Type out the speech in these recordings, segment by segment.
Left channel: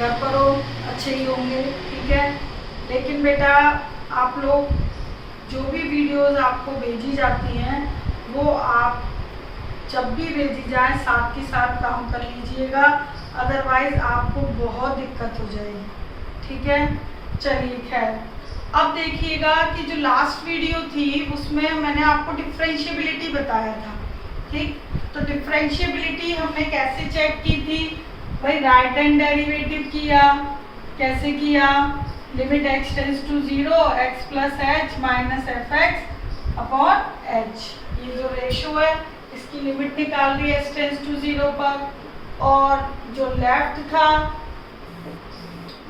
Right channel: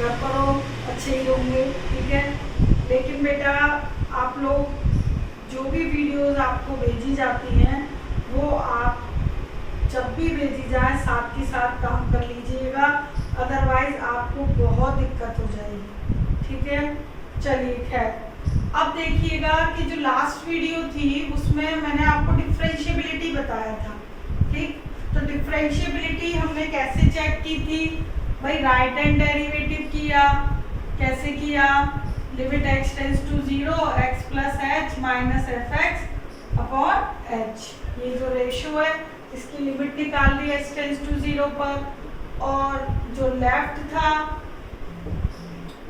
घर पर हो अच्छे ही होंगे, ठीक है। लेकिन बेटा आप लोग जो भी वीडियोस आपको भेजी जाती हैं वो आप जब भी भेजी जाए साथ के साथ काम कर लीजिएगा, अदरवाइज आपको बहुत दिक्कत हो जाएगी, ठीक है। चलिए खैर, अब देखिएगा कि जो लास्ट वीडियो थी उसमें मैंने आपको डिफरेंशिएबिलिटी बताया था, ठीक। तो डिफरेंशिएबिलिटी हमने कैसे चेक की थी भाई, राइट हैंड डेरिवेटिव किया, कैसे किया, limit x tends to 0 x plus h minus f x upon h, ये जो रेशो है इसकी लिमिट निकाल दी x टेंस टू 0 पर, और जो लेफ्ट था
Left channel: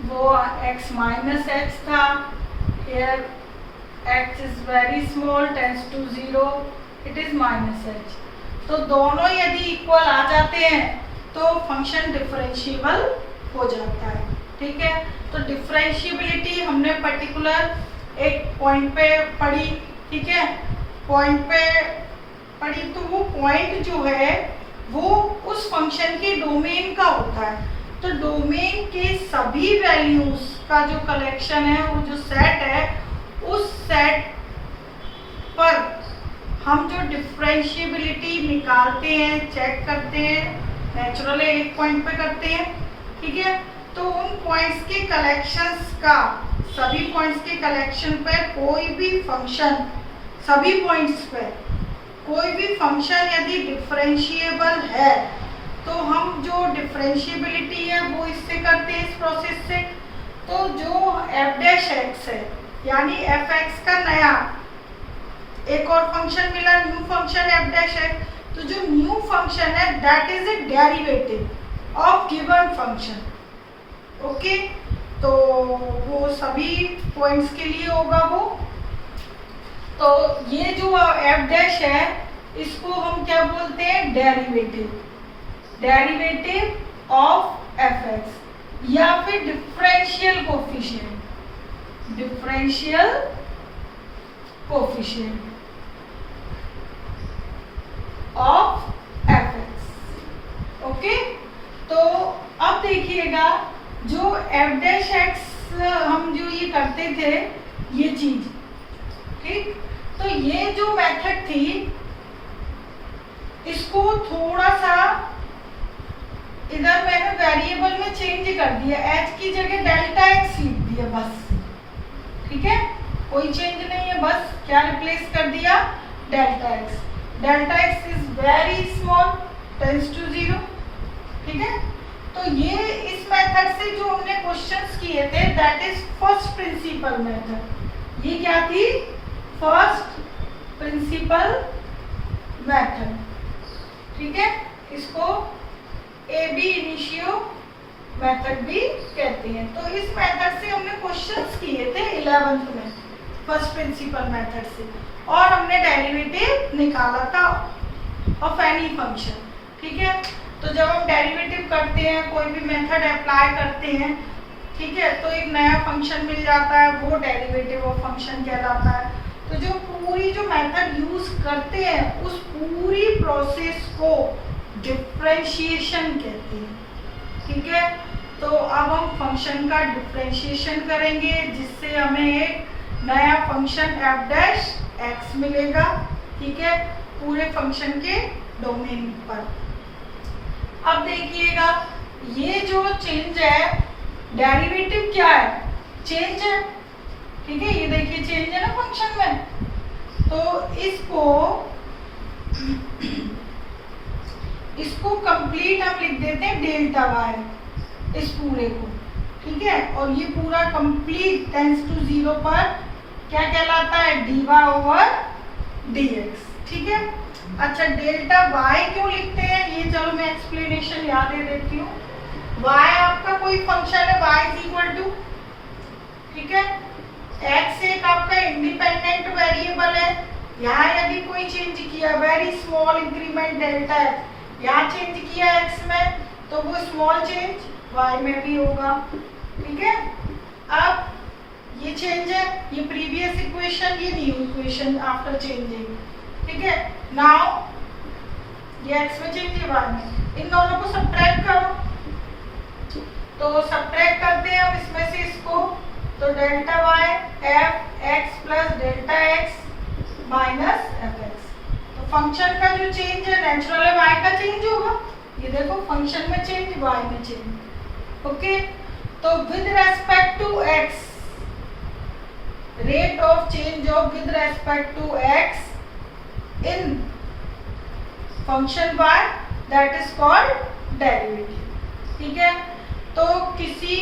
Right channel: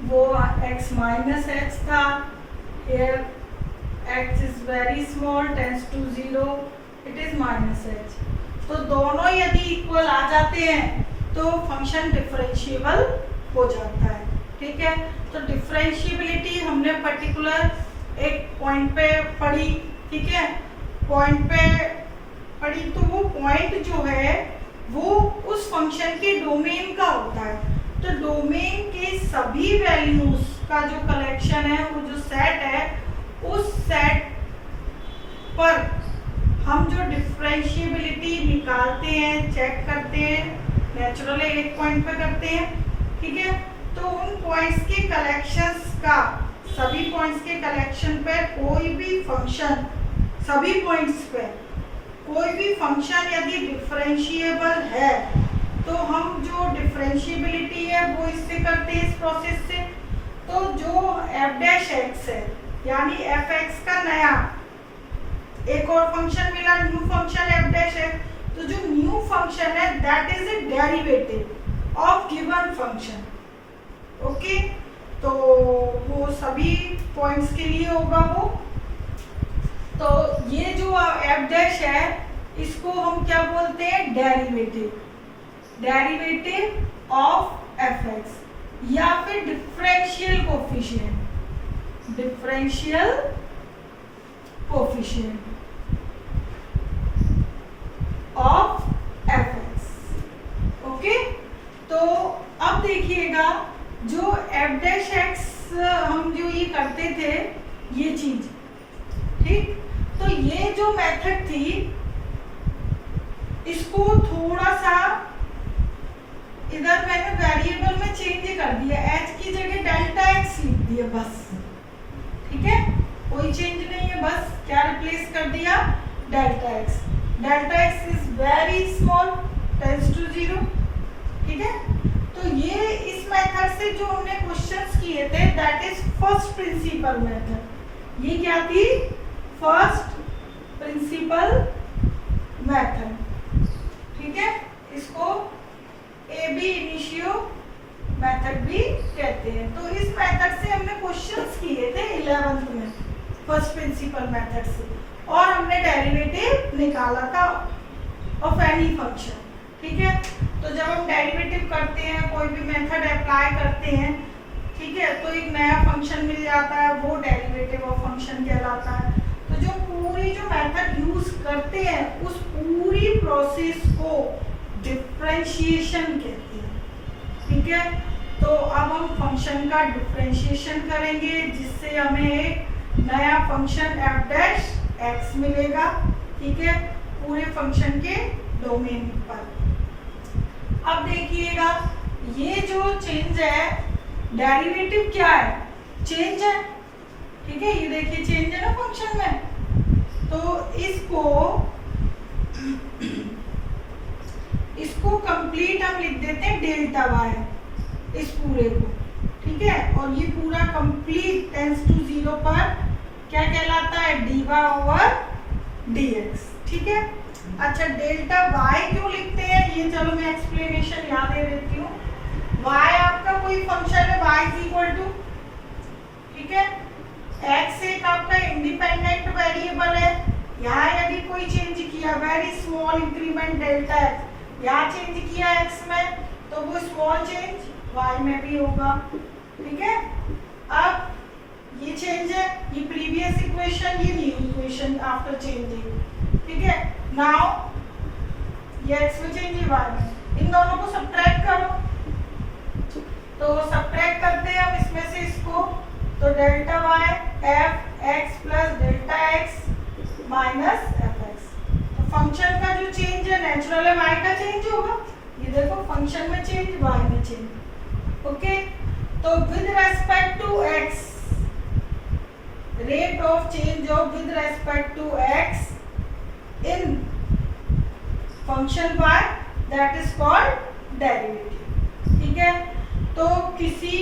वो x माइनस एच था, here x is very small tends to 0 it is minus h. तो दोनों यदि इक्वल आ जाते हैं तो फंक्शन डिफरेंशिएबल हो जाता है, ठीक है। तो डिफरेंशिएबिलिटी हमने पर्टिकुलर एक पॉइंट पे पढ़ी, ठीक है, पॉइंट पे पढ़ी। तो वो पॉइंट जो है वो उस फंक्शन के डोमेन का होता है। तो डोमेन के सभी वैल्यूज का जो कलेक्शन है, वो जो सेट है, उस सेट पर हम जो डिफरेंशिएबिलिटी निकालते हैं, चेक करते हैं, नेचुरली एक पॉइंट पे करते हैं, ठीक है। तो उन पॉइंट्स के कलेक्शंस का, सभी पॉइंट्स के कलेक्शन पर कोई भी फंक्शन, सभी पॉइंट्स पे कोई भी फंक्शन यदि डिफरेंशिएबल है तो हम जो डिफरेंशिएबिलिटी है वो इससे करते हैं, इस प्रोसेस से। तो जो एफ डैश एक्स है यानी एफ एक्स का नया एक और फंक्शन मिला, new function F dash x, तो जो न्यू फंक्शन है that is a derivative of given function, okay. तो वो सभी पॉइंट्स के लिए होगा वो। तो ये जो एफ डैश है इसको हम क्या बोलते हैं, derivative, derivative of F x या फिर differential coefficient, differential coefficient of F x, okay. तो अब देखिएगा जो एफ डैश एक्स हम जो ये करते थे ये चीज, ठीक। तो ये जो मेथड थी इसको थोड़ा सा इधर मैंने वेरिएबल में चेंज कर दिया, h की जगह डेल्टा x लिख दिया बस, ठीक है, कोई चेंज नहीं है, बस क्या रिप्लेस कर दिया, delta x। Delta x is very small tends to 0, ठीक है। तो ये इस मेथड से जो हमने क्वेश्चंस किए थे that is first principle method. ये क्या थी, फर्स्ट प्रिंसिपल मेथड, ठीक है। इसको ए बी इनिशियो मेथड भी कहते हैं। तो इस मेथड से हमने क्वेश्चंस किए थे 11th में फर्स्ट प्रिंसिपल मेथड से, और हमने डेरिवेटिव निकाला था ऑफ एनी फंक्शन, ठीक है। तो जब हम डेरिवेटिव करते हैं, कोई भी मेथड अप्लाई करते हैं, ठीक है, तो एक नया फंक्शन मिल जाता है, वो डेरिवेटिव ऑफ फंक्शन कहलाता है। तो जो पूरी जो मेथड यूज करते हैं उस पूरी प्रोसेस को डिफरेंशिएशन कहते हैं, ठीक है। तो अब हम फंक्शन का डिफरेंशिएशन करेंगे जिससे हमें एक नया फंक्शन एफ डैश एक्स मिलेगा, ठीक है, पूरे फंक्शन के डोमेन पर। अब देखिएगा ये जो चेंज है, डेरिवेटिव क्या है, चेंज है, ठीक है। ये देखिए चेंज है ना फंक्शन में, तो इसको कंप्लीट हम लिख देते हैं डेल्टा वाई, इस पूरे को, ठीक है। और ये पूरा कंप्लीट टेंस टू 0 पर क्या कहलाता है, d y over d x, ठीक है। अच्छा, डेल्टा वाई क्यों लिखते हैं ये चलो मैं एक्सप्लेनेशन याद दे देती हूँ। वाई आपका कोई फंक्शन है, वाई इज इक्वल टू, ठीक है, एक्स एक आपका इंडिपेंडेंट वेरिएबल है। यहाँ यदि कोई चेंज किया, वेरी स्मॉल इंक्रीमेंट डेल्टा है, यहाँ चेंज किया एक्स में, तो वो स्मॉल चेंज वाई में भी होगा, ठीक है। अब ये चेंज है, ये प्रीवियस इक्वेशन, ये न्यू इक्वेशन आफ्टर चेंजिंग, ठीक है। नाउ ये एक्स में चेंज है वाई में, इन दोनों को सब्ट्रैक्ट करो, तो सब्ट्रैक्ट करते हैं हम इसमें से इसको, तो delta y f x plus delta x minus f x. तो फंक्शन का जो चेंज है नेचुरल है वाई का चेंज होगा, ये देखो फंक्शन में चेंज वाई में चेंज। ओके, तो with respect to x, rate of change of with respect to x in function y that is called derivative. ठीक है, तो किसी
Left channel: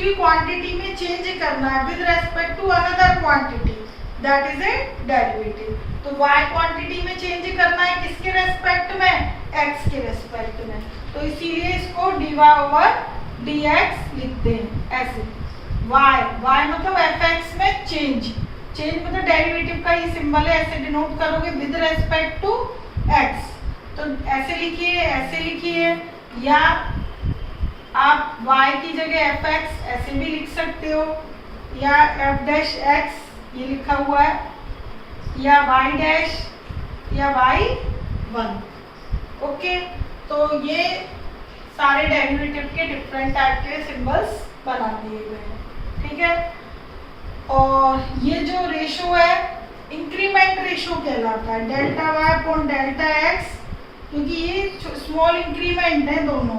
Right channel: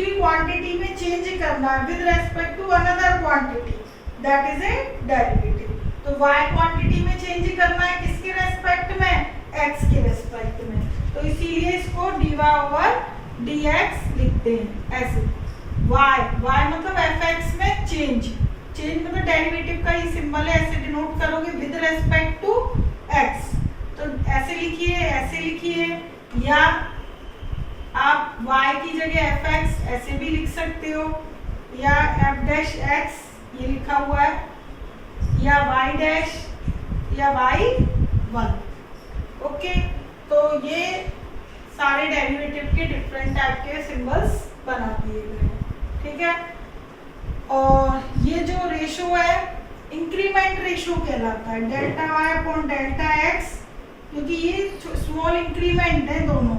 भी क्वांटिटी में चेंज करना है with respect to another quantity that is a derivative. तो y क्वांटिटी में चेंज करना है किसके रेस्पेक्ट में, x के रेस्पेक्ट में, तो इसीलिए इसको dy ओवर dx लिख दें ऐसे। y मतलब fx में चेंज मतलब डेरिवेटिव का ये सिंबल है, ऐसे डिनोट करोगे विद रेस्पेक्ट टू x। तो ऐसे लिखिए या आप y की जगह fx ऐसे भी लिख सकते हो, या f डैश x ये लिखा हुआ है, या y डैश या y1। ओके, तो ये सारे डेरिवेटिव के डिफरेंट टाइप के सिंबल्स बना दिए गए हैं। ठीक है, और ये जो रेशो है इंक्रीमेंट रेशो कहलाता है, delta y upon delta x, क्योंकि ये स्मॉल इंक्रीमेंट है दोनों,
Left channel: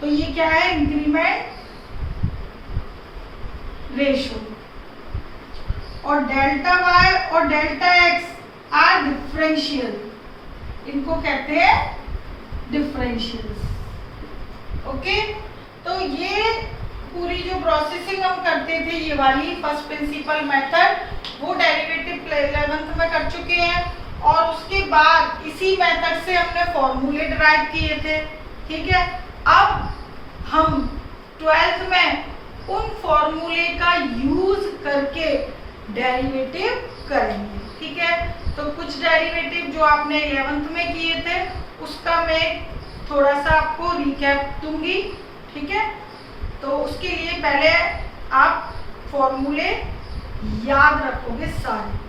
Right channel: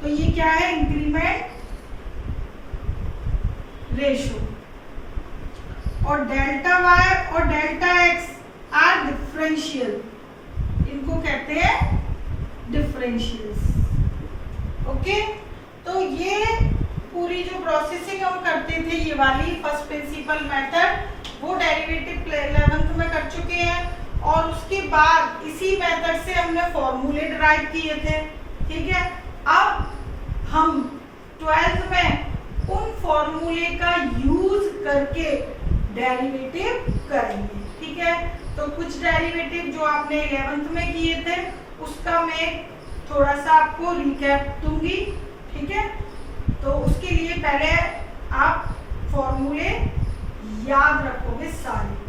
तो ये क्या है इंक्रीमेंट रेशो। और डेल्टा वाई और डेल्टा एक्स आर डिफरेंशियल, इनको कहते हैं डिफरेंशियल्स। ओके, तो ये पूरी जो प्रोसेसिंग हम करते थे ये वाली फर्स्ट प्रिंसिपल मेथड, वो डेरिवेटिव 11th में कर चुके हैं, और उसके बाद इसी मेथड से हमने फॉर्मूले डिराइव किए थे। ठीक है, अब हम 12th में उन फॉर्मूले का यूज करके डेरिवेटिव करेंगे। ठीक है, तो कुछ डेरिवेटिव जो आपने 11th में किए थे उसका मैं थोड़ा सा आपको रिकैप दूंगी। ठीक है, तो उसके लिए पहले आप फॉर्मूले याद रखोगे सारे।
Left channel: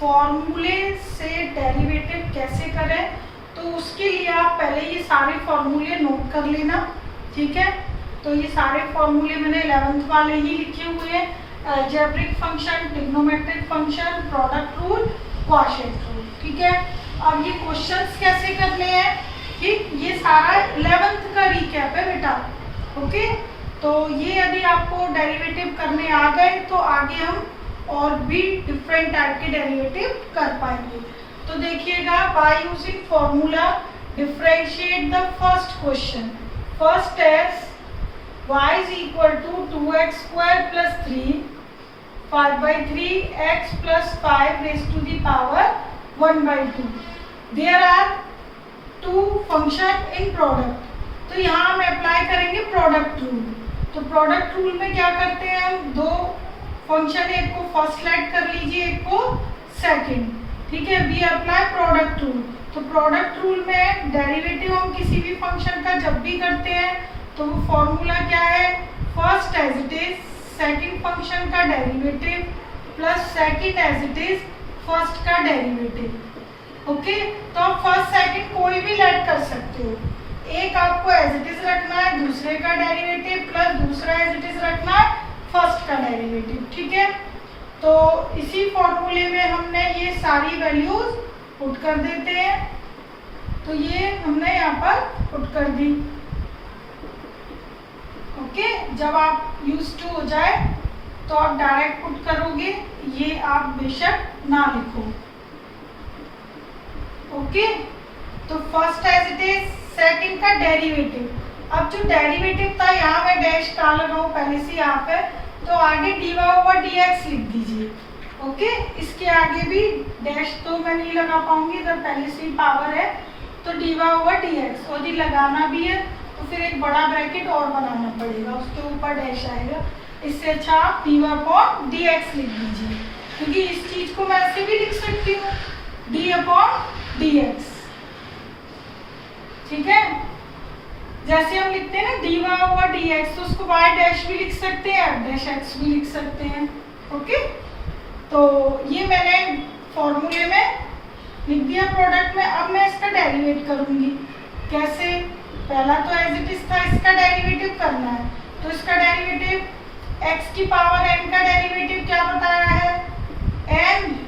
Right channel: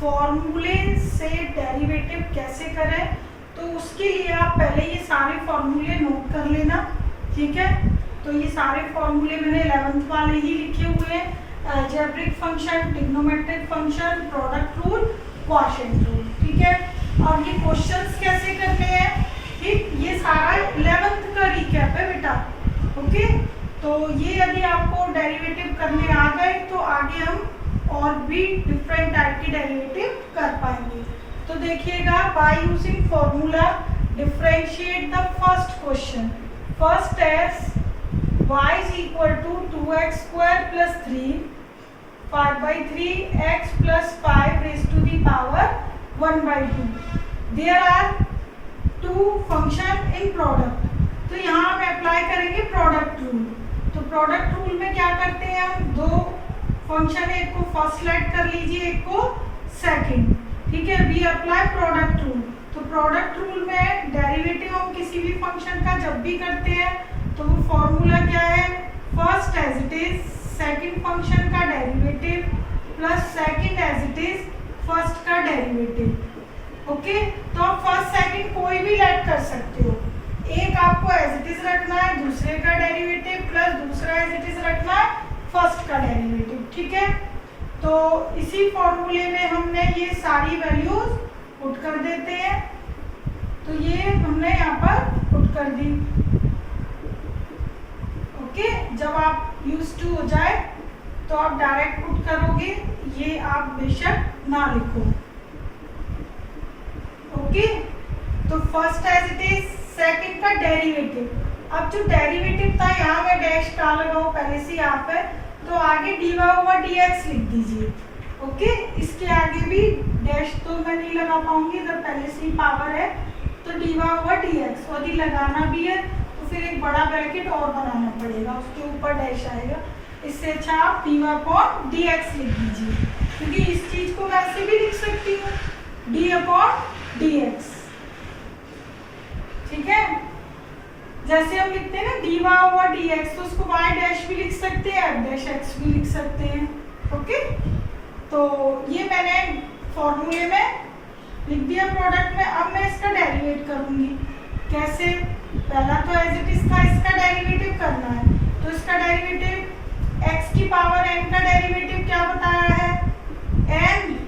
फॉर्मूले से डेरिवेटिव कैसे करें, तो उसके लिए आप पहले ये सारे फॉर्मूले नोट कर लेना। ठीक है, तो ये सारे फॉर्मूले मैंने 11th वाले ही लिखे हुए हैं, algebraic function, trigonometric function, product rule, quotient rule. ठीक है, अब ये क्वेश्चंस कैसे करने हैं, ठीक, ये सारा 11th का रिकैप है बेटा। ओके, तो ये यदि आपको डेरिवेटिव करने आ गए तो आगे हम और भी डिफरेंट टाइप के डेरिवेटिव कर पाएंगे। तो देखिएगा, by using formula differentiate the first question. First is y is equal to 2x square plus 3 5/3 x plus 5 raised to the power 1/2। There are two function in product, तो यहाँ हम apply करेंगे product rule. तो product rule में क्या करते हैं हम, दो फंक्शन, एक को फर्स्ट लेट कर लीजिए, एक को सेकंड। ठीक है, वी अप्लाई प्रोडक्ट रूल। तो प्रोडक्ट रूल में डेरिवेटिव हम किसी भी फंक्शन का जब भी करते हैं तो वो फॉर्मूला क्या है, first as it is second function का derivative plus second as it is first का डेरिवेटिव। ओके, तो आप फर्स्ट सेकंड कोई भी लेट कर सकते हो, एक आपको एज इट इज रखना है, दूसरे का डेरिवेटिव प्लस दूसरा एज इट इज रखना है, फर्स्ट का डेरिवेटिव। ठीक है, तो इसी फॉर्मूले में हमने ये सारी वैल्यूज पुट कर देते हैं, तो ये हमने यहाँ पर पुट कर दी। ओके, जब आप यूज टू हो जाए तो आप डायरेक्ट पुट करोगे, ये आप बेशक ना लिखो। ओके, तो first as it is, second का डेरिवेटिव। अब जो डेरिवेटिव था यहाँ मैं डैश का लगाऊं पहले से यहाँ पे, तो आगे dy ओवर dx लिख दीजिए। ओके, इसके आगे भी डैश तो मैं नहीं लगा पाऊंगी, इधर पहले से ही पावर है, तो dy ओवर dx, और यदि लगाना भी है तो फिर एक बड़ा ब्रैकेट और बनाना पड़ेगा, उसके ऊपर डैश आएगा। इससे अच्छा आप dy अपॉन dx लिख दीजिए, क्योंकि इस चीज को मैं ऐसे भी लिख सकती हूँ d अपॉन dx। ठीक है, जैसे हम लिखते हैं ना dy ओवर dx, तो उसको y डैश भी लिख सकते हैं, f डैश x भी लिख सकते हैं। ओके, तो ये मैंने फॉर्मूले में लिख दिया प्रोडक्ट में। अब मैं इसका डेरिवेट करूंगी। कैसे? पहला तो एज इट इज था, इसका डेरिवेटिव करना है, तो इसका डेरिवेटिव x की पावर n का डेरिवेटिव क्या बताया है? n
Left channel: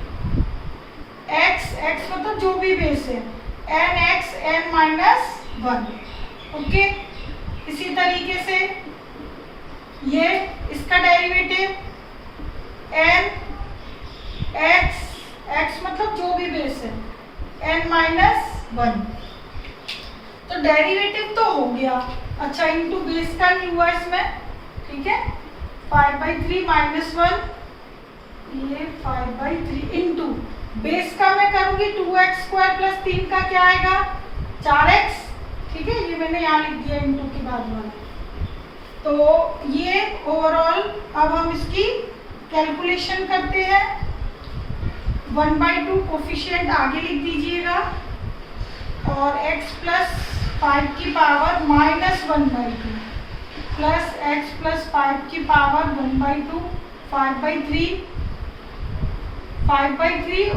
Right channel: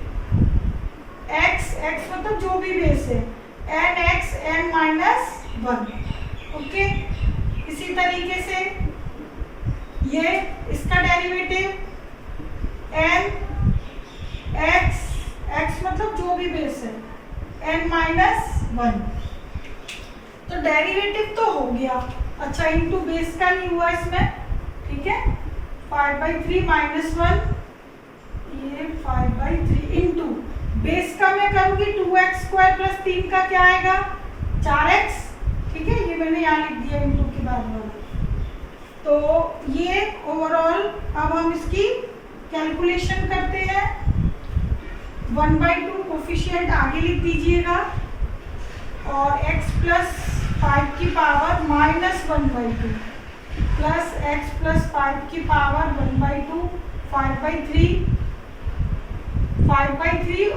x मतलब जो भी बेस है, n x n minus 1। Okay, इसी तरीके से ये इसका डेरिवेटिव n x मतलब जो भी बेस है, n माइनस 1। तो डेरिवेटिव तो हो गया। अच्छा, इनटू बेस का ही हुआ इसमें, ठीक है। 5/3 माइनस 1, ये 5/3 इंटू बेस का मैं करूंगी 2x² प्लस 3 का क्या आएगा? 4x, ठीक है। ये मैंने यहाँ लिख दिया इंटू के बाद वाला। तो ये ओवरऑल अब हम इसकी कैलकुलेशन करते हैं। 1/2 कोफिशिएंट आगे लिख दीजिएगा और x प्लस 5 की power minus 1/2 plus x plus 5 की पावर 1/2, 5/3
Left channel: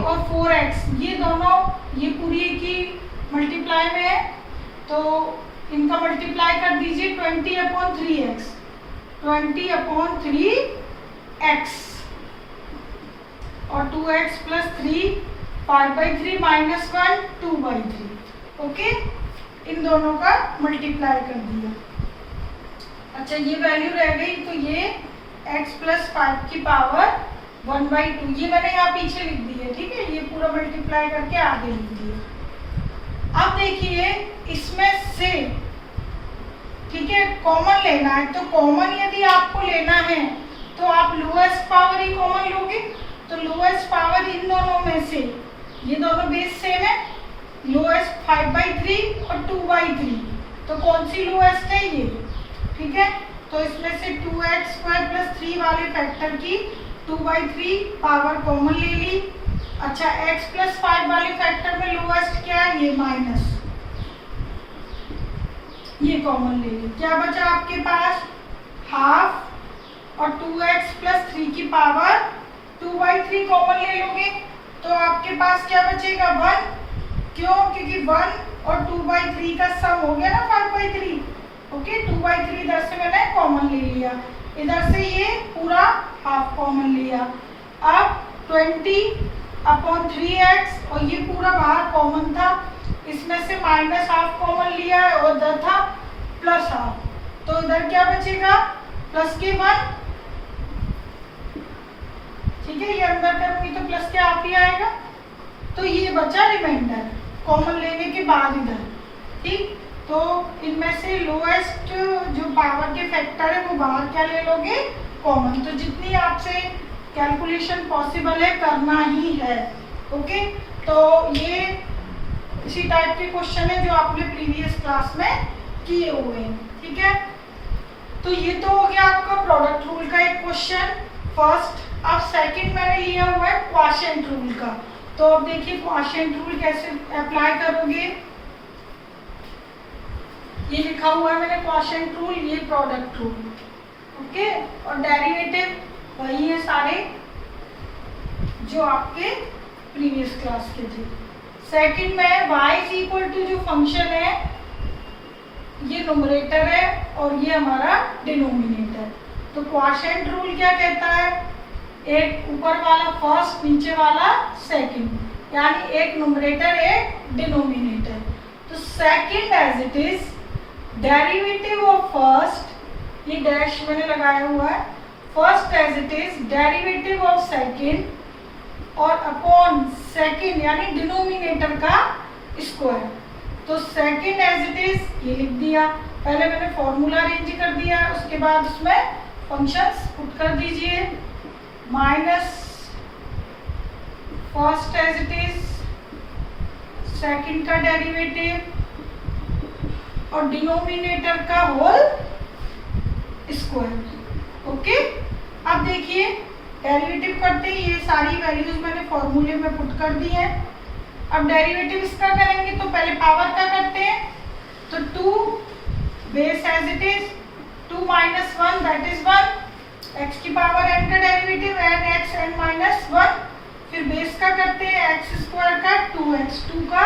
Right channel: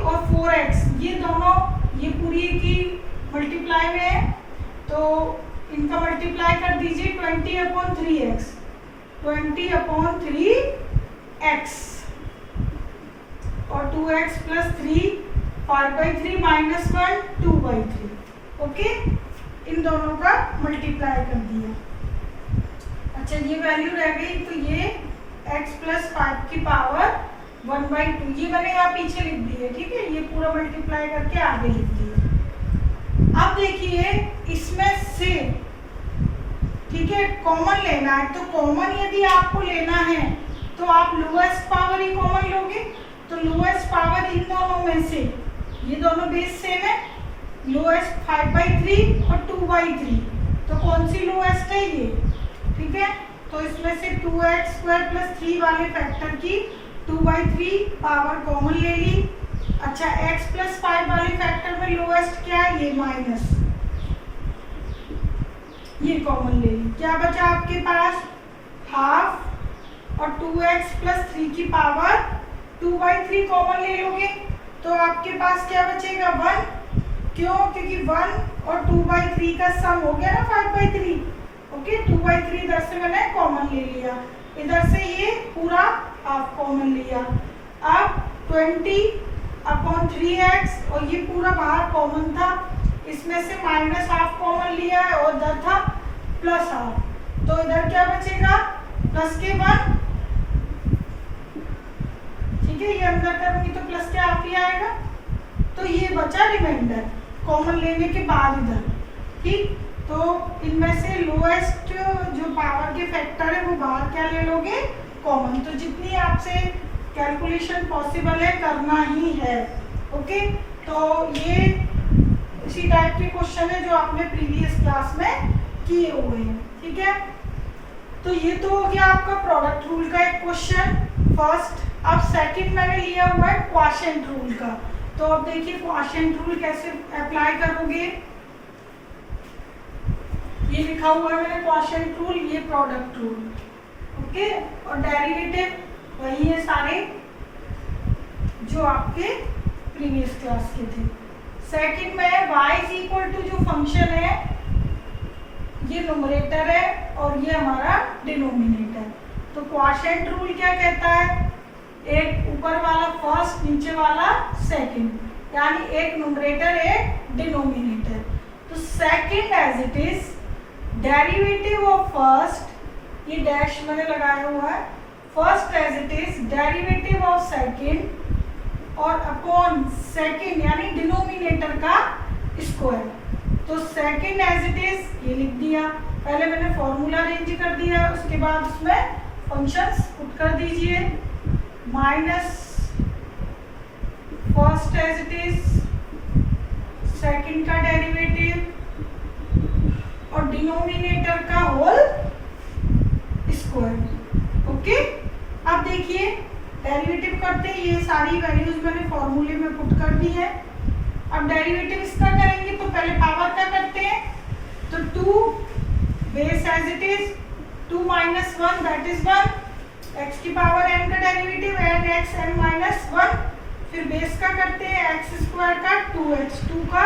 और 4x, ये दोनों ये पूरी की मल्टीप्लाई में है, तो इनका मल्टीप्लाई कर दीजिए 20/3x, 20/3x और 2x प्लस 3, 5/3 माइनस 1, 2/3। ओके, इन दोनों का मल्टीप्लाई कर दिया। अच्छा, ये वैल्यू रह गई, तो ये x प्लस 5 की पावर 1/2, ये मैंने यहाँ पीछे लिख दी है, ठीक है। ये पूरा मल्टीप्लाई करके आगे लिख दिया। अब देखिए इसमें से, ठीक है, कॉमन लेना है, तो कॉमन यदि आपको लेना है तो आप लोएस्ट पावर ही कॉमन लोगे। तो लोएस्ट पावर इन दोनों में से, ये दोनों बेस सेम है, लोएस्ट 5/3 और 2/3, तो कौन सी लोएस्ट है? ये, ठीक है। तो इसमें से 2x² प्लस 3 वाले फैक्टर की 2/3 पावर कॉमन ले ली। अच्छा, x प्लस 5 वाले फैक्टर में लोएस्ट क्या है? ये माइनस, ये कॉमन ले ली। क्या बचा आपके पास? हाफ, और 2x प्लस 3 की पावर 2/3 कॉमन ले लोगे तो आपके पास क्या बचेगा? 1। क्यों? क्योंकि 1 और 2/3 का सम हो गया ना 5/3। ओके, 2/3 इधर से मैंने कॉमन ले लिया, इधर से ये पूरा हाफ कॉमन लिया। अब 20/3x, और ये पूरा बाहर कॉमन था, इसमें से माइनस हाफ कॉमन लिया है और इधर था प्लस हाफ, तो इधर क्या बचेगा? प्लस के 1, ठीक है। ये अंदर करूंगी तो प्लस के हाफ ही आएगा, तो ये बचा रिमाइंडर कॉमन लेने के बाद इधर, ठीक। तो इनमें से लोएस्ट जो पावर के फैक्टर है वो बाहर क्या ले लोगे? कॉमन। तो जितनी आपसे कैलकुलेशन पॉसिबल है करना ही है। ओके, तो ये इसी टाइप के क्वेश्चन है जो आपने प्रीवियस क्लास में किए हुए हैं, ठीक है। तो ये तो हो गया आपका प्रोडक्ट रूल का एक क्वेश्चन फर्स्ट। अब सेकंड मैंने लिया हुआ है क्वोशिएंट रूल का। तो अब देखिए क्वोशिएंट रूल कैसे अप्लाई करोगे। ये लिखा हुआ है मैंने क्वोशिएंट रूल, ये प्रोडक्ट रूल, ओके। और डेरिवेटिव वही है सारे जो आपके प्रीवियस क्लास के थे। सेकंड में y इज इक्वल टू जो फंक्शन है ये न्यूमरेटर है और ये हमारा डिनोमिनेटर। तो क्वोशिएंट रूल क्या कहता है? एक ऊपर वाला फर्स्ट, नीचे वाला सेकंड, यानी एक न्यूमरेटर एक डिनोमिनेटर। तो second as it is derivative of first, ये डैश मैंने लगाया हुआ है, first as it is derivative of second और अपॉन सेकंड यानी डिनोमिनेटर का स्क्वायर। तो सेकंड एज इट इज ये लिख दिया, पहले मैंने फॉर्मूला अरेंज कर दिया है, उसके बाद उसमें फंक्शंस पुट कर दीजिए। Minus first as it is second का डेरिवेटिव और डिनोमिनेटर का होल स्क्वायर। ओके, अब देखिए डेरिवेटिव करते ही ये सारी वैल्यूज मैंने फॉर्मूले में पुट कर दी है। अब डेरिवेटिव इसका करेंगे तो पहले पावर का करते हैं। तो 2 base as it is 2 minus 1 that is 1, x की पावर n का derivative n x n minus 1, फिर बेस का करते हैं x स्क्वायर का 2x 2 का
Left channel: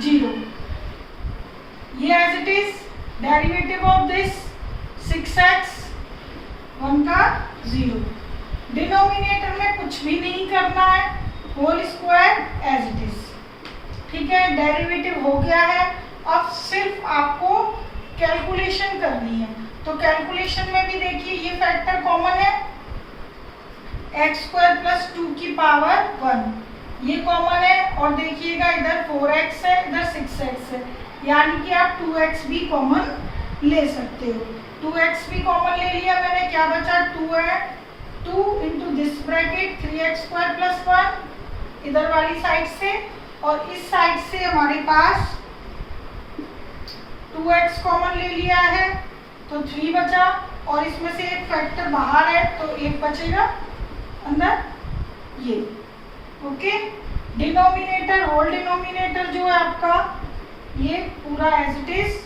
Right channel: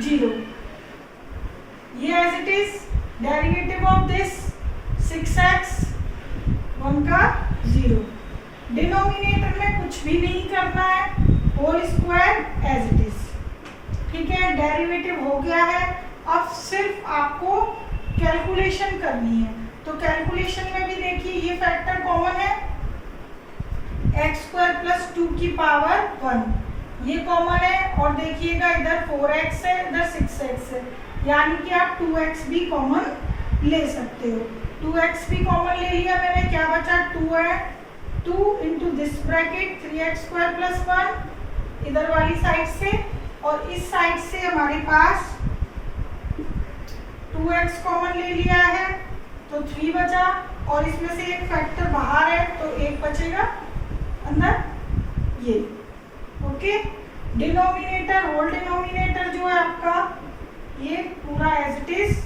0। ये as it is derivative of this 6x 1 का 0। डिनोमिनेटर में कुछ भी नहीं करना है, whole square as it is. ठीक है, डेरिवेटिव हो गया है। अब सिर्फ आपको कैलकुलेशन करनी है। तो कैलकुलेशन में भी देखिए ये फैक्टर कॉमन है, एक्स स्क्वायर प्लस 2 की पावर 1 ये कॉमन है। और देखिएगा इधर 4x है, इधर 6x है, यानी कि आप 2x भी कॉमन ले सकते हो। 2x भी कॉमन ले लिया मैंने, क्या बचा 2 है, 2 into this bracket 3x square plus 1 इधर वाली साइड से, और इस साइड से हमारे पास 2x कॉमन ले लिया है तो 3 बचा, और इसमें से एक फैक्टर बाहर है तो एक बचेगा अंदर ये। ओके, डिनोमिनेटर होल डिनोमिनेटर जो है आपका ये पूरा एज इट इज।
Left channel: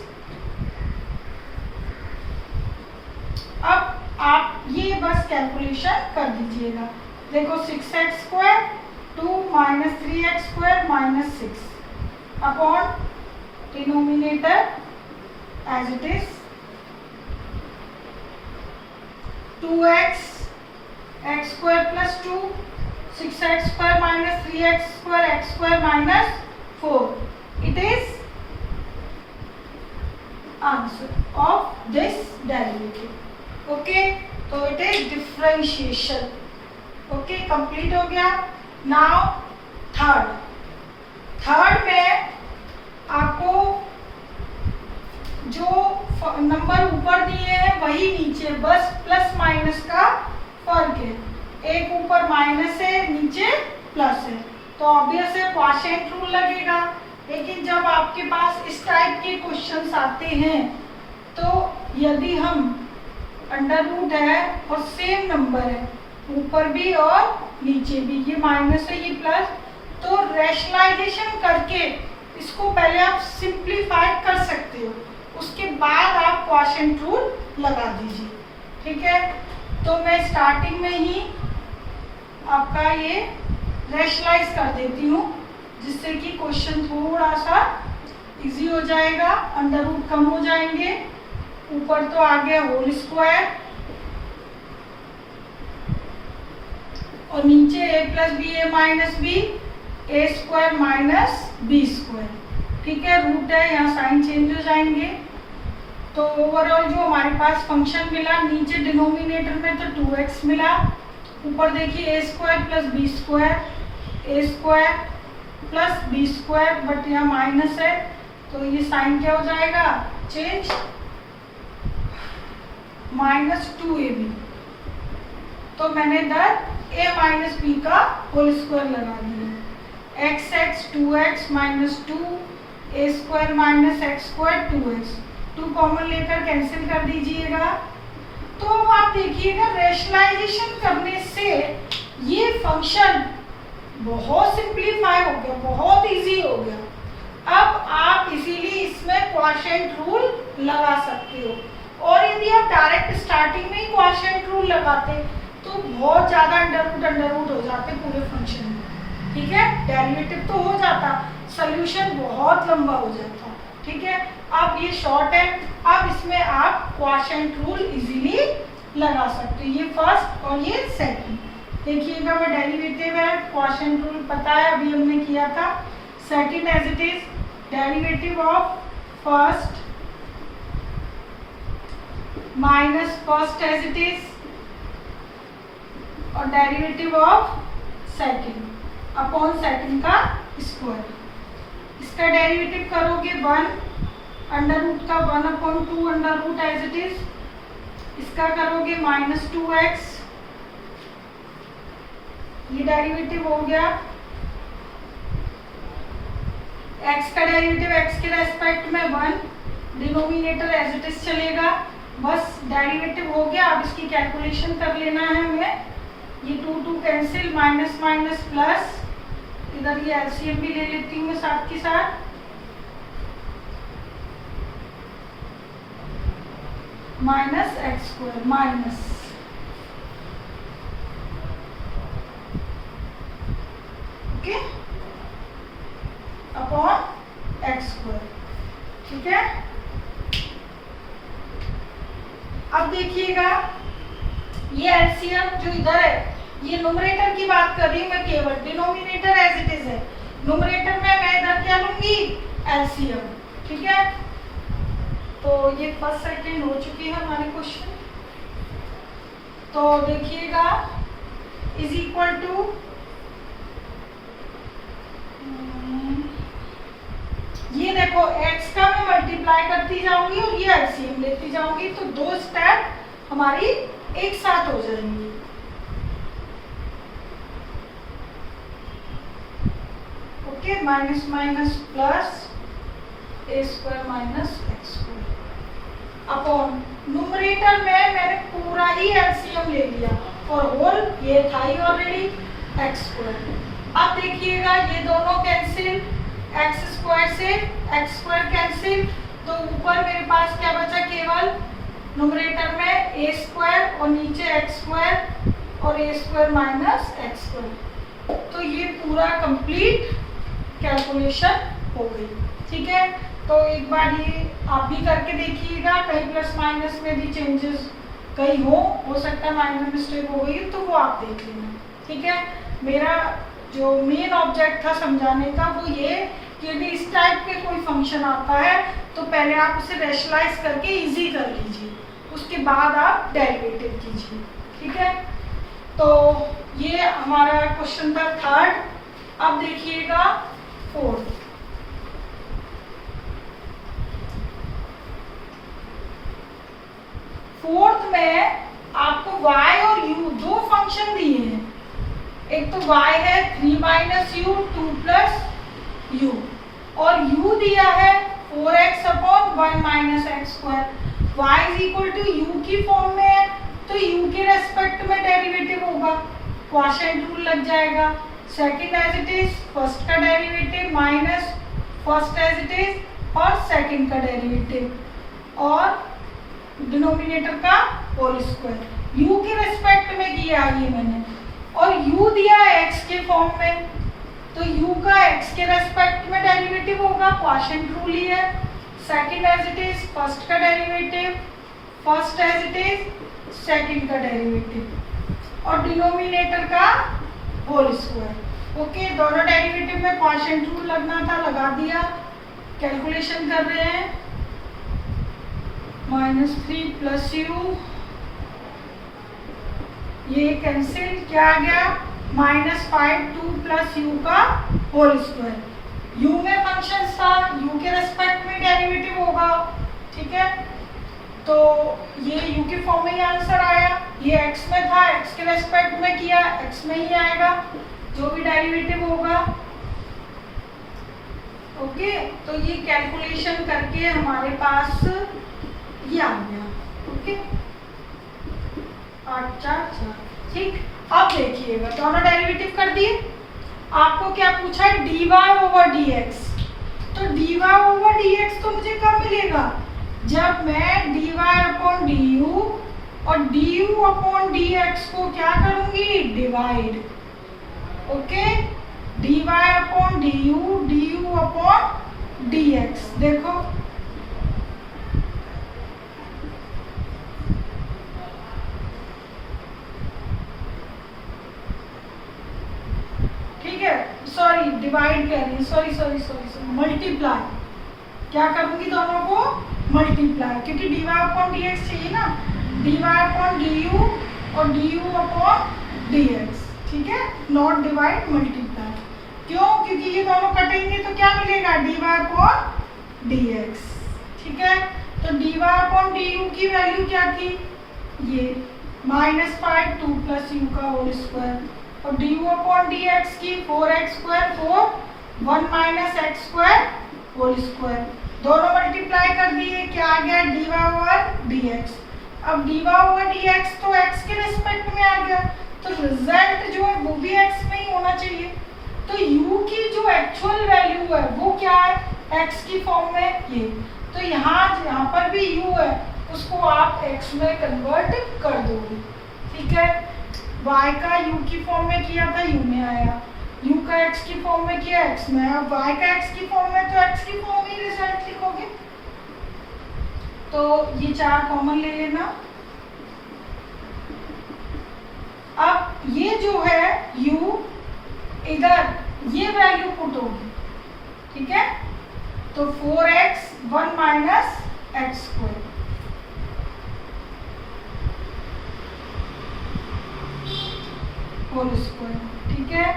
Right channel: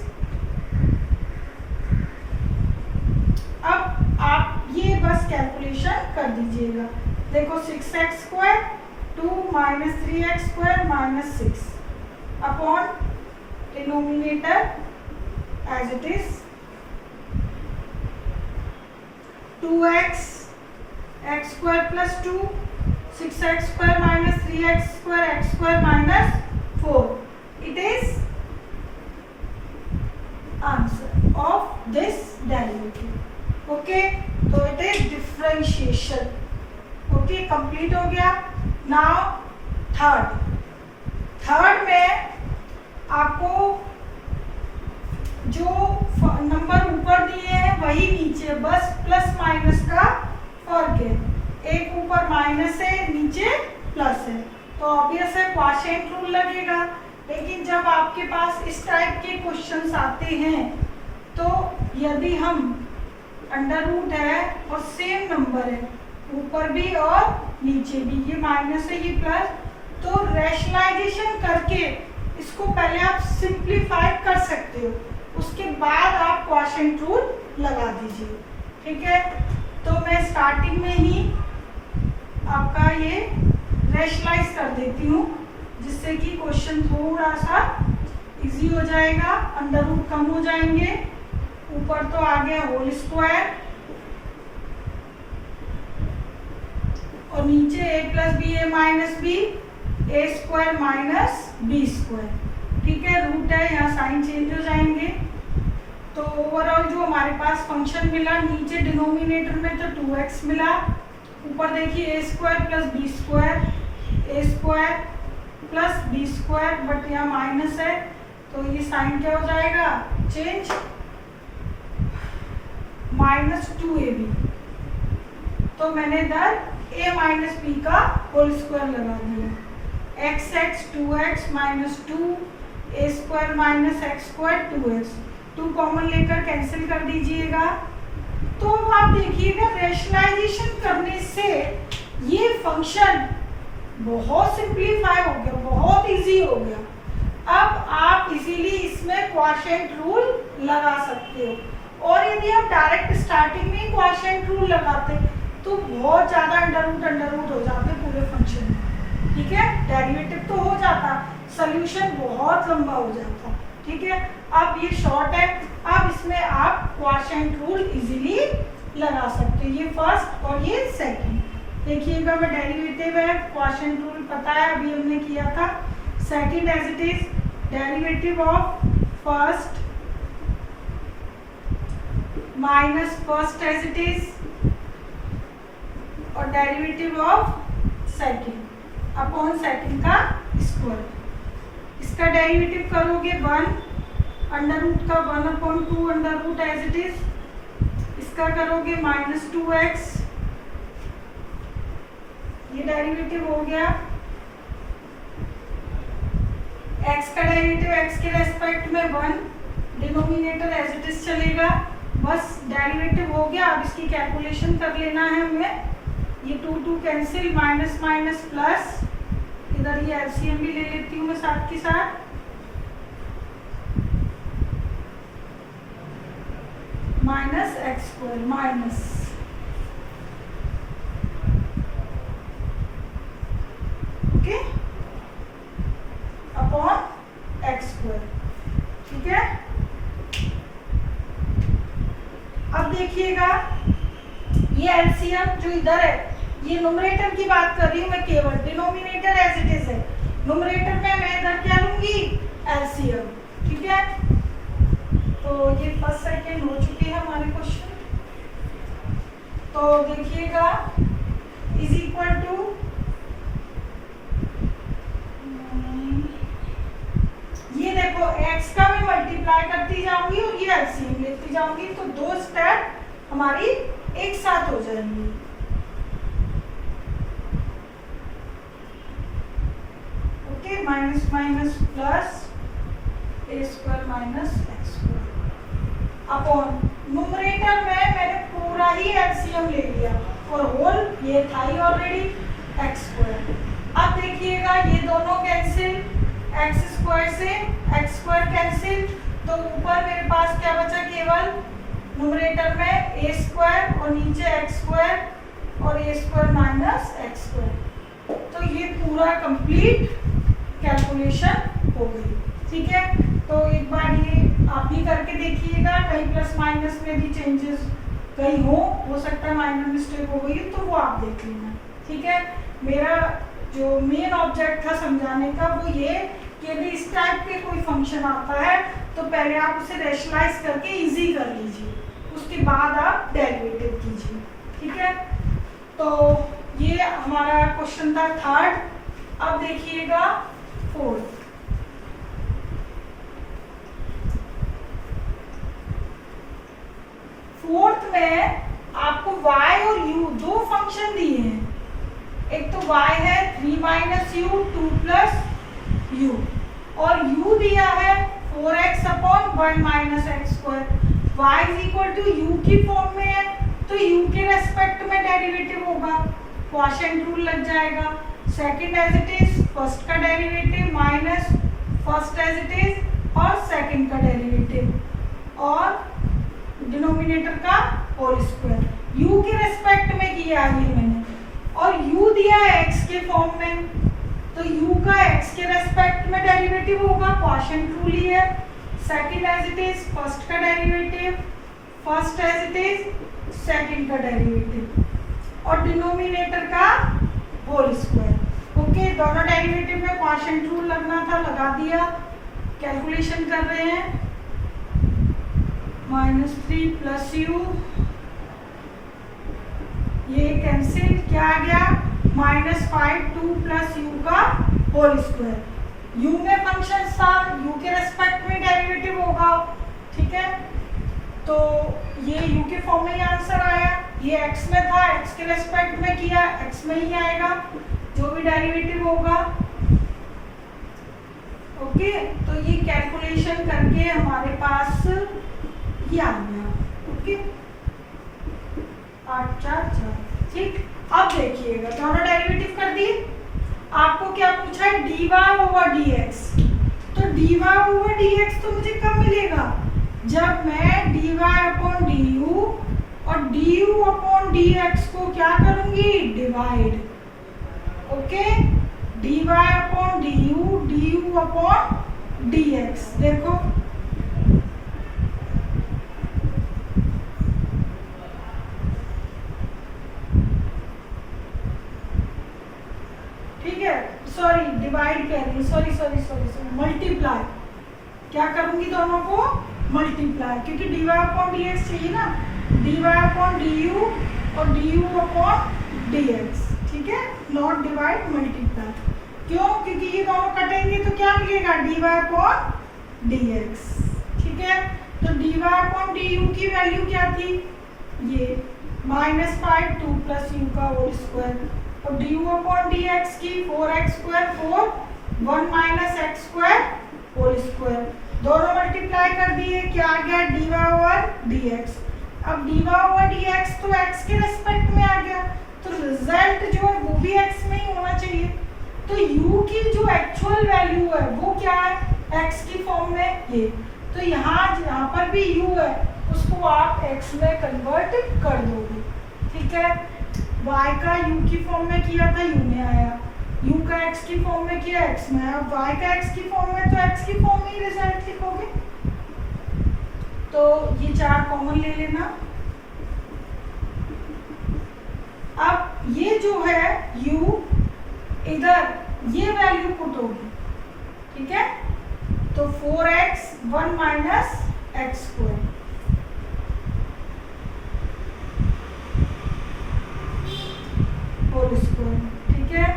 अब आप ये बस कैलकुलेशन कर दीजिएगा। देखो 6x square 2 minus 3x square minus 6 upon denominator as it is 2x x square plus 2 6x square minus 3x square x square minus 4 it is answer of this derivative. Okay, तो it is differentiation. Okay, complete हो गया। Now third में आपको जो number ऊपर दिए हैं वही नीचे, बस प्लस माइनस का फर्क है। एक ऊपर माइनस है, नीचे प्लस है, तो ऑब्वियस है क्वोशिएंट रूल लगेगा। लेकिन जब आपके पास इस टाइप के क्वेश्चंस आते हैं तो यदि हम अंडर रूट है और सेम नंबर है ऊपर भी और नीचे भी, ये माइनस है ये प्लस, तो रैशनलाइजेशन करके इसको पहले आप सिंप्लीफाई कर सकते हो, उसके बाद आप क्वोशिएंट रूल लगा दीजिए। ठीक है, तो मैं स्टार्टिंग में ही आपका ये रैशनलाइज कर देती हूँ जिससे कि क्वेश्चन थोड़ा सा इजी हो जाएगा, अंडर रूट कम हो जाएंगे। ऊपर तो आ गया होल स्क्वायर और नीचे a plus b a minus b a square minus b square. ठीक है, रूट है, यहाँ साइन चेंज हो जाएंगे। तो ओवरऑल जो हमारे पास फंक्शन मिला, नीचे डिनोमिनेटर में तो 2x मिला, ऊपर देखिए A square plus B square A square plus B square, but यहाँ माइनस है तो ये साइन क्या हो जाएगा चेंज, माइनस 2ab। तो मैंने इधर a माइनस बी का होल स्क्वायर लगा दिया, x 2x minus 2 a square minus x square 2x, 2 common लेकर कैंसिल कर दीजिएगा। तो अब आप देखिएगा रैशनलाइजेशन करने से ये फंक्शन बहुत सिंप्लीफाई हो गया, बहुत इजी हो गया। अब आप इसीलिए इसमें क्वोशिएंट रूल लगा सकते हो, और यदि आप डायरेक्ट स्टार्टिंग में ही क्वोशिएंट रूल लगाते तो बहुत ज़्यादा अंडर रूट हो जाते पूरे फंक्शन में। ठीक है, डेरिवेटिव तो हो जाता, सॉल्यूशन बहुत लंबा हो जाता। ठीक है, अब ये शॉर्ट है, अब इसमें आप क्वोशिएंट रूल इजीली लगा सकते हो, ये फर्स्ट और ये सेकंड। देखिएगा मैं डेरिवेटिव है, क्वोशिएंट रूल पता है, अभी हमने किया था। Second as it is derivative of first minus first as it is, और derivative of second upon second का स्क्वायर। इसका डेरिवेटिव करोगे 1 अंडर रूट का 1 upon 2 under root as it is, इसका करोगे माइनस 2x, ये डेरिवेटिव हो गया। x का डेरिवेटिव x के रेस्पेक्ट में 1, डिनोमिनेटर एज इट इज चलेगा, बस डेरिवेटिव हो गया। अब इसकी कैलकुलेशन कर लेना है हमें, ये 2 कैंसिल, माइनस माइनस प्लस, इधर ये एलसीएम भी ले लेती हूँ मैं साथ के साथ, minus x square minus okay upon x square. ठीक है, अब देखिएगा ये एलसीएम जो इधर है, ये न्यूमरेटर की बात कर रही हूँ मैं, केवल डिनोमिनेटर एज इट इज है, न्यूमरेटर में मैं इधर क्या लूंगी, एलसीएम। ठीक है, तो ये फर्स्ट सेकंड हो चुके हैं हमारे क्वेश्चन। तो देखिएगा इज इक्वल टू, ये देखो x का मैं मल्टीप्लाई करती जाऊंगी और ये एलसीएम लेती जाऊंगी, तो दो स्टेप हमारी एक साथ हो जाएंगी। Okay, minus minus plus A square minus x square upon numerator में मैंने पूरा ही एलसीएम ले लिया और होल ये था ही ऑलरेडी एक्स स्क्वायर। अब देखिएगा ये दोनों कैंसिल, एक्स स्क्वायर से एक्स स्क्वायर कैंसिल, तो ऊपर मेरे पास क्या बचा, केवल न्यूमरेटर में ए स्क्वायर और नीचे एक्स स्क्वायर और ए स्क्वायर माइनस एक्स स्क्वायर। तो ये पूरा कंप्लीट कैलकुलेशन हो गई। ठीक है, तो एक बार ये आप भी करके देखिएगा, कहीं प्लस माइनस में भी चेंजेस कहीं हो सकता है माइनर मिस्टेक हो गई तो वो आप देख लेना। ठीक है, मेरा जो मेन ऑब्जेक्ट था समझाने का वो ये कि यदि इस टाइप के कोई फंक्शन आता है तो पहले आप उसे रैशनलाइज करके इजी कर लीजिए, उसके बाद आप डेरिवेटिव कीजिए। ठीक है, तो ये हमारा क्वेश्चन था थर्ड। अब देखिएगा फोर्थ। फोर्थ में आपको y और u दो फंक्शन दिए हैं, एक तो y है 3 माइनस यू 2 प्लस यू और u दिया है 4x upon 1 minus x square. y is equal to u की फॉर्म में है तो u के रेस्पेक्ट में डेरिवेटिव होगा, क्वोशिएंट रूल लग जाएगा। Second as it is, first का derivative minus first as it is और सेकंड का डेरिवेटिव और डिनोमिनेटर का होल स्क्वायर। u के रेस्पेक्ट में किया ये मैंने, और u दिया है x के फॉर्म में तो u का x के रेस्पेक्ट में डेरिवेटिव होगा, क्वोशिएंट रूल ही है। Second as it is, first का derivative first as it is second का डेरिवेटिव और डिनोमिनेटर का होल स्क्वायर। ओके, दोनों डेरिवेटिव में क्वोशिएंट रूल लगना था, लगा दिया। कैलकुलेशन कर रहे हैं, -3 प्लस यू, ये कैंसिल, क्या आ गया -5 2 प्लस यू का होल स्क्वायर। यू में फंक्शन था, यू के रेस्पेक्ट में डेरिवेटिव होगा। ठीक है, तो ये यू के फॉर्म में ही आंसर आया, ये एक्स में था, एक्स के रेस्पेक्ट में किया, एक्स में ही आएगा जो भी डेरिवेटिव होगा। ओके, तो ये कैलकुलेशन करके हमारे पास ये आ गया। ओके, 8 4 4। ठीक, अब देखिएगा दोनों डेरिवेटिव कर दिए। आपको क्या पूछा है, dy ओवर dx। तो dy ओवर dx तो मुझे कब मिलेगा, जब मैं dy अपॉन du और du अपॉन dx को क्या करूंगी, divide. Okay, dy upon du upon dx। देखो सॉरी डिवाइड कर रही है, सॉरी मल्टीप्लाई, क्या करूंगी दोनों को मल्टीप्लाई, क्योंकि dy अपॉन dx चाहिए ना, dy अपॉन du और du अपॉन dx। ठीक है, नॉट डिवाइड मल्टीप्लाई। क्यों, क्योंकि ये दोनों कटेंगे तो क्या मिलेगा, dy अपॉन dx। ठीक है, तो dy अपॉन du की वैल्यू क्या थी, ये -5 2 प्लस यू का होल स्क्वायर और du अपॉन dx की 4x स्क्वायर 4 1 minus x square whole square. दोनों मल्टीप्लाई कर दिए, क्या आ गया, dy ओवर dx। अब dy ओवर dx तो x के रेस्पेक्ट में आ गया, तो रिजल्ट जो है वो भी x में ही होना चाहिए। तो u की जो एक्चुअल वैल्यू है वो क्या है, x की फॉर्म में ये, तो यहाँ पर भी u है, उसको आप x में कन्वर्ट कर दोगे। ठीक है, y का u की फॉर्म में किया था, u में आया, u का x की फॉर्म में किया, x में आया, y का x की फॉर्म में, तो x की फॉर्म में ही रिजल्ट लिखोगे। तो ये 4 कॉमन ले लेना, अब ये जो है u इधर ये वैल्यू पुट होगी, ठीक है। तो 4x 1 minus x square, whole square, ठीक है।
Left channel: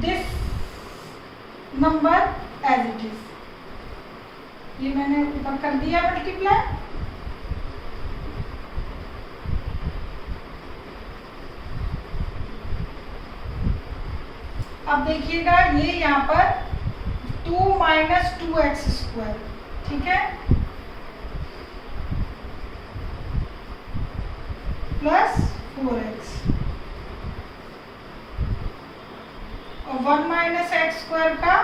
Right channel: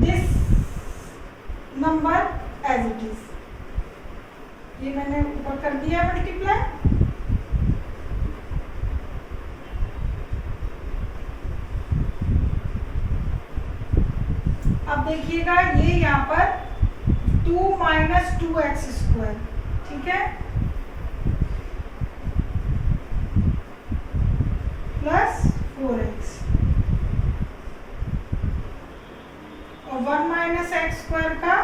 This number as it is, ये मैंने ऊपर कर दिया मल्टीप्लाई। अब देखिएगा ये यहाँ पर 2 माइनस 2x स्क्वायर, ठीक है, प्लस 4x और 1 माइनस एक्स स्क्वायर का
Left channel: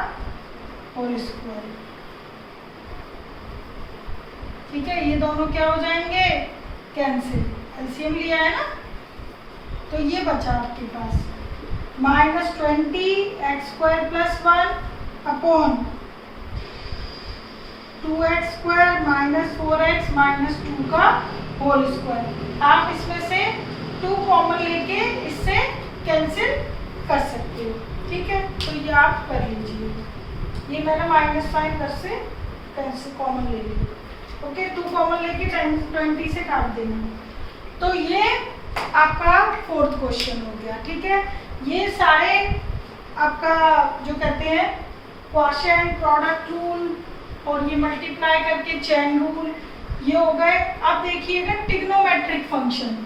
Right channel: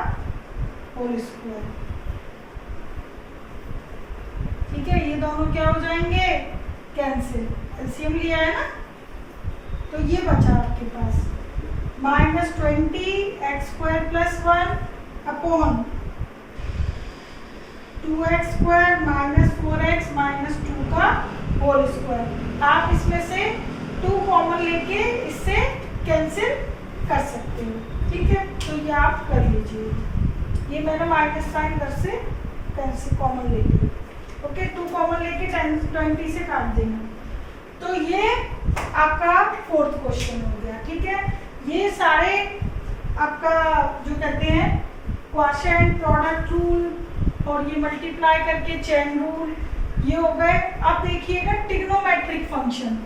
होल स्क्वायर, ठीक है। ये दोनों क्या हो जाएंगे, कैंसिल, एलसीएम लिया है ना। तो ये बचा आपके पास minus 20 x square plus 1 upon 2x square minus 4x minus 2 का होल स्क्वायर। आप इसमें से 2 कॉमन लेके इससे कैंसिल कर सकते हो, ठीक है। तो ये आप कर लीजिए, ये मैंने माइनस साइन इधर से कैंसिल कॉमन ले लिया, ओके। 2 कॉमन लेके 20 से काट देना। तो ये आपका 4th क्वेश्चन हो गया, ठीक है। ये सारे आपका जो कहते हैं क्वोशिएंट, प्रोडक्ट रूल और ये मल्टीप्लाई करके चेन रूल, ये हो गए। अब देखिएगा ट्रिग्नोमेट्रिक फंक्शन,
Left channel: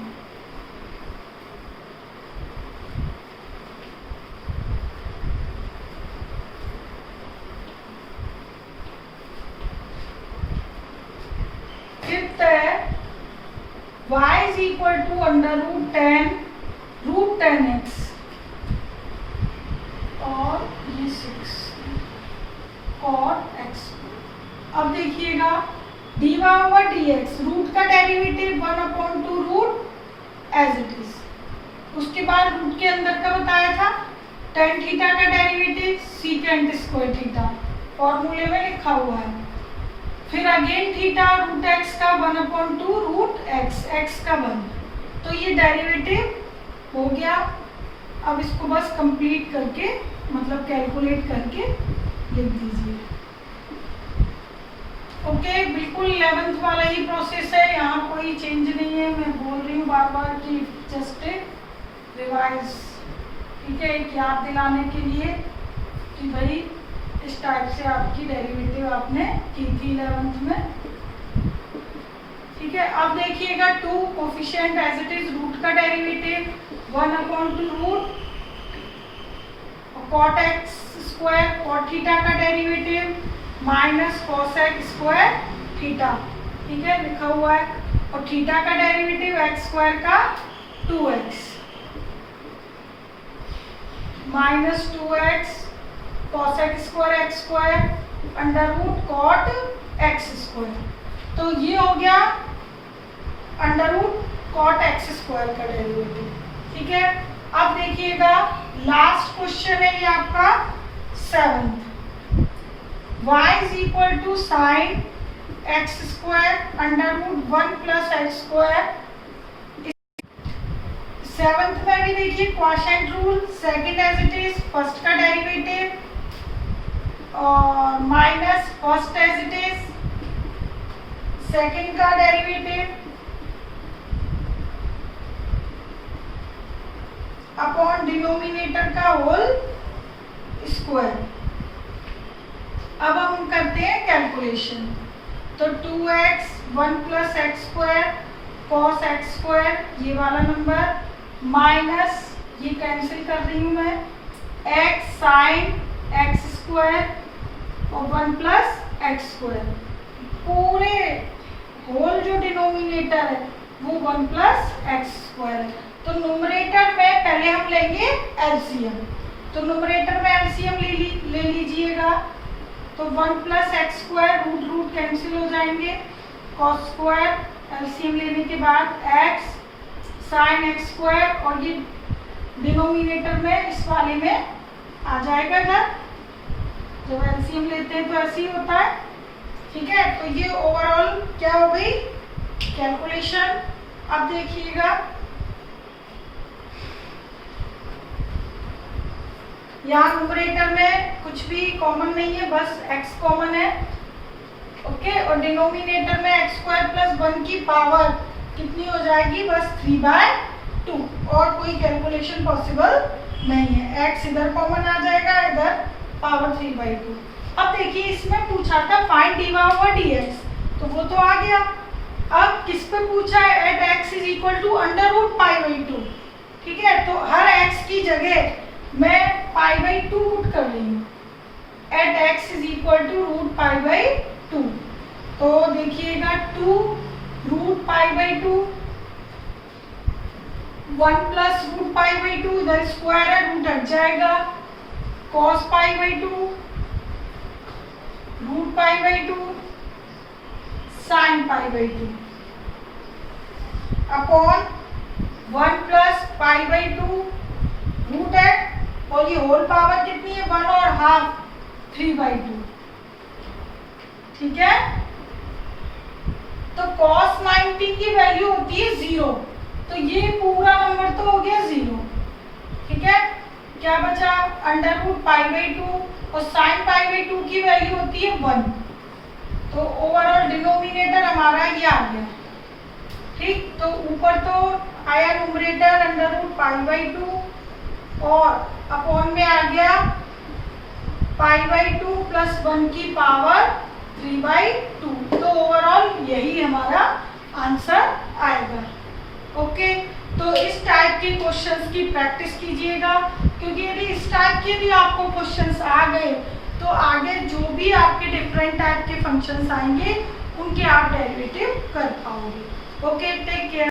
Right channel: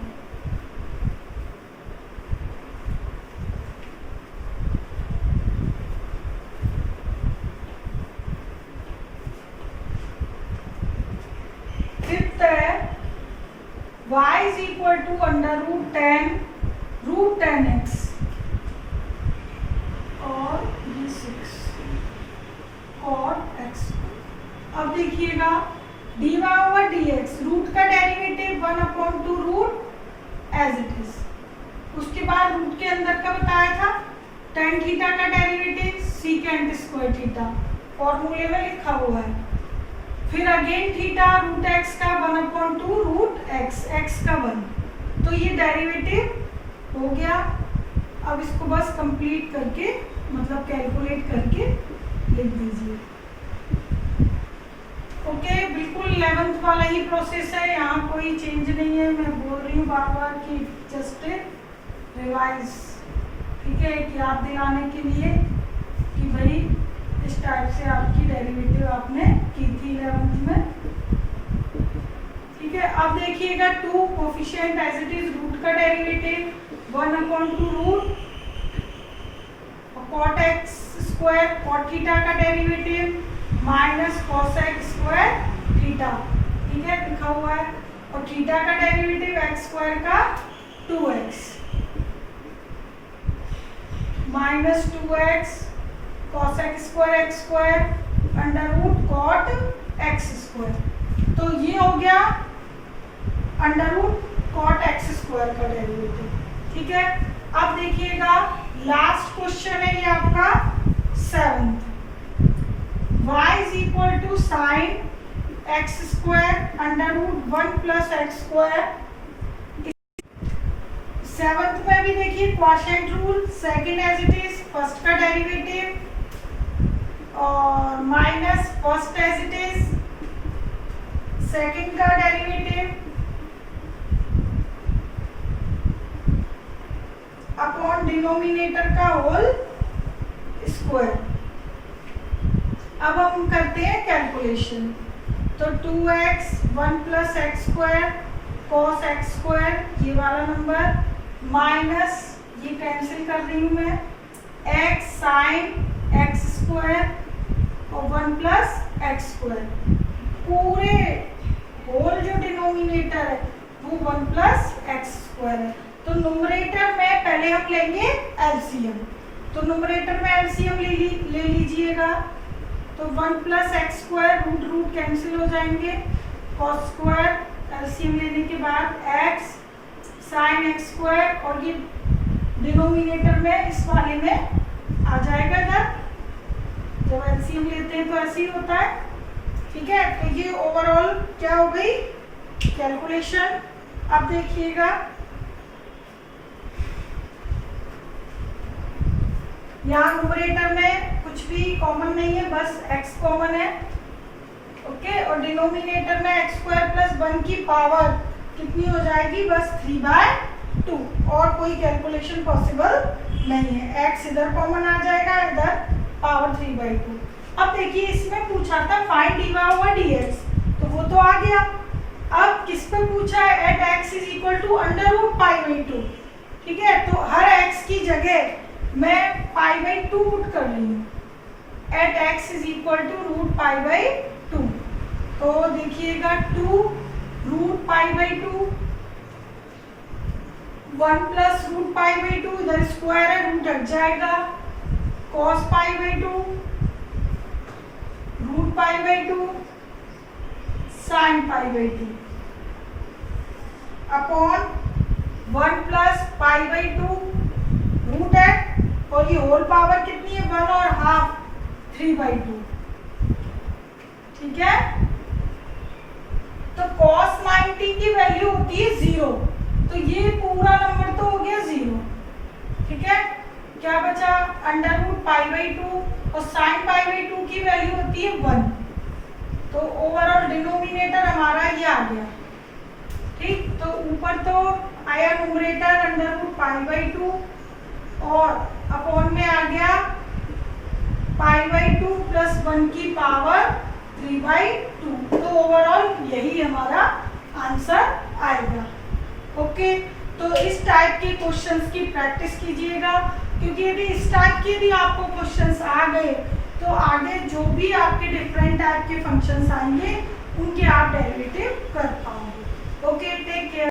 फिफ्थ है y is equal to under root 10x और ये 6 cot x। अब देखिएगा dy ओवर dx, रूट का derivative 1/2 root as it is. उसके बाद रूट के अंदर का बताया था tan थीटा का डेरिवेटिव सीकेंट स्क्वायर थीटा, फॉर्मूले में लिखा हुआ है। फिर अगेन थीटा रूट एक्स का 1/2 रूट एक्स, एक्स का 1। तो ये डेरिवेटिव हो गया। अब इसको बस कंप्लीट करके मतलब कैलकुलेट करके लिख दीजिए, ओके। बिल्कुल 11th वाला ही प्रोसेस है, यहाँ कोई चेंज नहीं है। मैं बोल रही हूँ बार बार कि जस्ट रिवाइज, ठीक है, एक याद दिलाने के लिए कि भाई इस टाइप से आपकी डेरिवेटिव आपने की थी 11th में, ठीक है। अब देखिएगा 2 coefficient as it is, root का derivative 1/2 root cot x square, cot theta का derivative minus cos x square theta, ठीक है, लिखा हुआ है। और थीटा का डेरिवेटिव x स्क्वायर का 2x minus 2x cos x square under root cot x square. तो ये हो गया under root cot x square का डेरिवेटिव, ठीक है। अब देखिएगा लास्ट क्वेश्चन है ये आपका 7th, y is equal to sine x square under root 1 plus x square. 7th में भी देखिए quotient rule, second as it is, first का डेरिवेटिव और minus first as it is, second का डेरिवेटिव अपॉन डिनोमिनेटर का whole square. अब हम करते हैं कैलकुलेशन। तो 2x 1 plus x square cos x square, ये वाला नंबर, माइनस ये कैंसिल कर रही हूँ मैं, x साइन एक्स स्क्वायर और 1 प्लस एक्स स्क्वायर। पूरे होल जो डिनोमिनेटर है वो 1 प्लस एक्स स्क्वायर है। तो न्यूमरेटर में पहले हम लेंगे एलसीएम, तो न्यूमरेटर में एलसीएम ले लीजिएगा। तो 1 plus x square, root root cancel हो जाएंगे, कॉस स्क्वायर एलसीएम लेने के बाद एक्स साइन एक्स स्क्वायर, और ये डिनोमिनेटर में इस वाले में आ जाएगा इधर। जब एलसीएम लेते हैं तो ऐसे ही होता है, ठीक है। तो ये ओवरऑल क्या हो गई कैलकुलेशन। अब देखिएगा यहाँ न्यूमरेटर में कुछ भी कॉमन नहीं है, बस x कॉमन है। ओके, और डिनोमिनेटर में x स्क्वायर प्लस 1 की पावर कितनी हो जाएगी, बस 3/2, और कोई कैलकुलेशन पॉसिबल नहीं है। x इधर कॉमन आ जाएगा, इधर पावर 3/2। अब देखिए इसमें पूछा था फाइंड dy ओवर dx, तो वो तो आ गया। अब किस पे पूछा है, at x is equal to √π/2, ठीक है। तो हर x की जगह मैं π/2 पुट कर रही हूँ, at x is equal to √π/2। तो देखिएगा 2 √π/2, 1 प्लस √π/2, इधर स्क्वायर है, रूट हट जाएगा, cos π/2 √π/2 sin π/2 upon 1 plus π/2 root है, और ये होल पावर कितनी है, 1 और हाफ 3/2, ठीक है। तो cos 90 की वैल्यू होती है 0, तो ये पूरा नंबर तो हो गया 0, ठीक है। क्या बचा, √π/2, और sin π/2 की वैल्यू होती है 1, तो ओवरऑल डिनोमिनेटर हमारा ये आ गया, ठीक। तो ऊपर तो आया न्यूमरेटर √π/2, और अपॉन में आ गया π/2 प्लस 1 की पावर 3/2, तो ओवरऑल यही हमारा आंसर आएगा। ओके, तो इस टाइप के क्वेश्चंस की प्रैक्टिस कीजिएगा, क्योंकि यदि इस टाइप के भी आपको क्वेश्चंस आ गए तो आगे जो भी आपके डिफरेंट टाइप के फंक्शंस आएंगे उनके आप डेरिवेटिव कर पाओगे। Okay, take care.